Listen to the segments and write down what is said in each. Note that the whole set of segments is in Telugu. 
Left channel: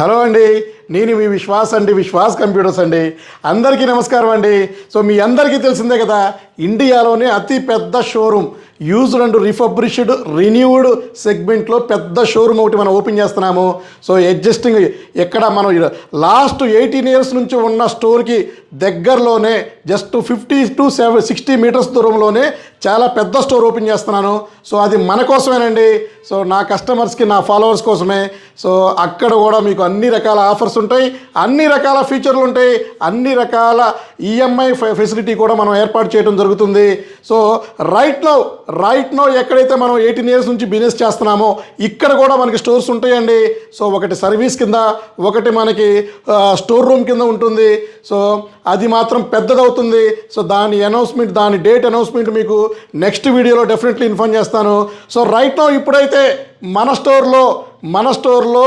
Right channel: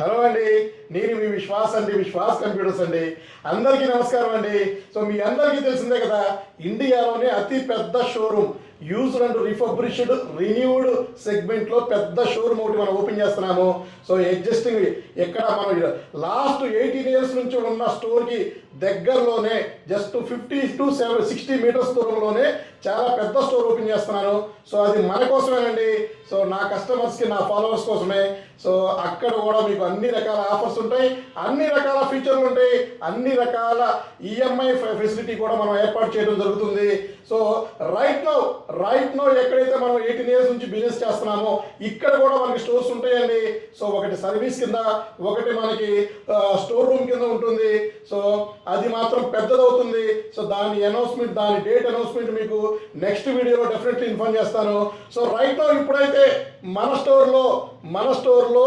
హలో అండి, నేను మీ విశ్వాస్ అండి, విశ్వాస్ కంప్యూటర్స్ అండి. అందరికీ నమస్కారం అండి. సో మీ అందరికీ తెలిసిందే కదా, ఇండియాలోనే అతి పెద్ద showroom used and refurbished renewed సెగ్మెంట్లో పెద్ద షోరూమ్ ఒకటి మనం ఓపెన్ చేస్తున్నాము. సో ఎగ్జిస్టింగ్ ఎక్కడ మనం లాస్ట్ 18 ఇయర్స్ నుంచి ఉన్న స్టోర్కి దగ్గరలోనే జస్ట్ 50 to 60 మీటర్స్ దూరంలోనే చాలా పెద్ద స్టోర్ ఓపెన్ చేస్తున్నాను. సో అది మన కోసమేనండి. సో నా కస్టమర్స్కి, నా ఫాలోవర్స్ కోసమే. సో అక్కడ కూడా మీకు అన్ని రకాల ఆఫర్స్ ఉంటాయి, అన్ని రకాల ఫీచర్లు ఉంటాయి, అన్ని రకాల ఈఎంఐ ఫెసిలిటీ కూడా మనం ఏర్పాటు చేయడం జరుగుతుంది. సో రైట్ నో ఎక్కడైతే మనం 18 ఇయర్స్ నుంచి బిజినెస్ చేస్తున్నామో ఇక్కడ కూడా మనకి స్టోర్స్ ఉంటాయండి. సో ఒకటి సర్వీస్ కింద, ఒకటి మనకి స్టోర్ రూమ్ కింద ఉంటుంది. సో అది మాత్రం పెద్దదవుతుంది. సో దాని డేట్ అనౌన్స్మెంట్ మీకు నెక్స్ట్ వీడియోలో డెఫినెట్లీ ఇన్ఫార్మ్ చేస్తాను. సో రైట్ నో ఇప్పుడైతే మన స్టోర్లో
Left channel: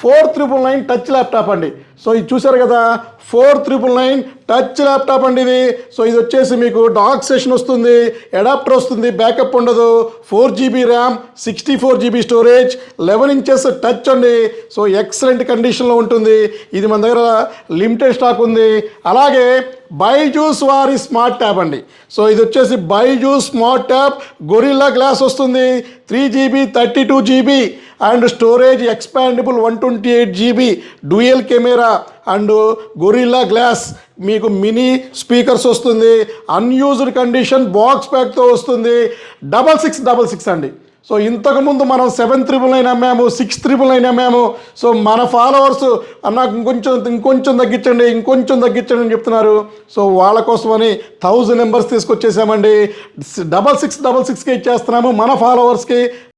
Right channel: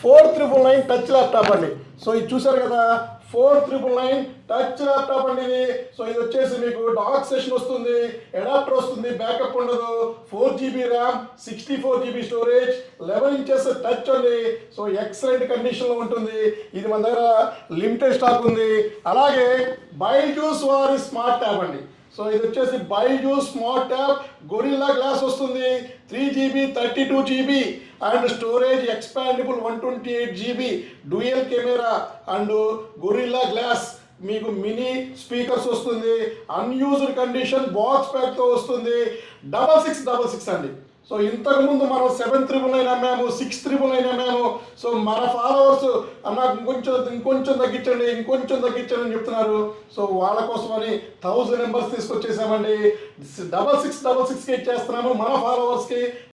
4999 టచ్ ల్యాప్టాప్ అండి. సో ఇది చూసారు కదా, 4999 టచ్ ల్యాప్టాప్ అండి ఇది. సో ఇది వచ్చేసి మీకు డాక్ సెషన్ వస్తుంది, అడాప్టర్ వస్తుంది, బ్యాకప్ ఉండదు, 4GB RAM, 64GB storage, 11 inches touch అండి. సో ఎక్సలెంట్ కండిషన్లో ఉంటుంది. ఇది మన దగ్గర లిమిటెడ్ స్టాక్ ఉంది. అలాగే బైజూస్ వారి స్మార్ట్ ట్యాబ్ అండి. సో ఇది వచ్చేసి Byju's smart tab, gorilla glass వస్తుంది, 3GB 32GB and storage expandable 128GB, dual camera and gorilla glass, మీకు మినీ స్పీకర్స్ వస్తుంది, అన్యూజ్డ్ కండిషన్ బాక్స్ ప్యాక్తో వస్తుంది, 6666 అండి. సో ఇంతకుముందు మనం 7999 అమ్మాము, 6999 అమ్మాము. సో మన ఫాలోవర్స్ నాకు ఇంకొంచెం తగ్గించండి అని చెప్తున్నారు. సో వాళ్ళ కోసమని 1000 నెంబర్స్ తీసుకొచ్చేసామండి. 6666కి ఇచ్చేస్తున్నాము మన ఫాలోవర్స్కి.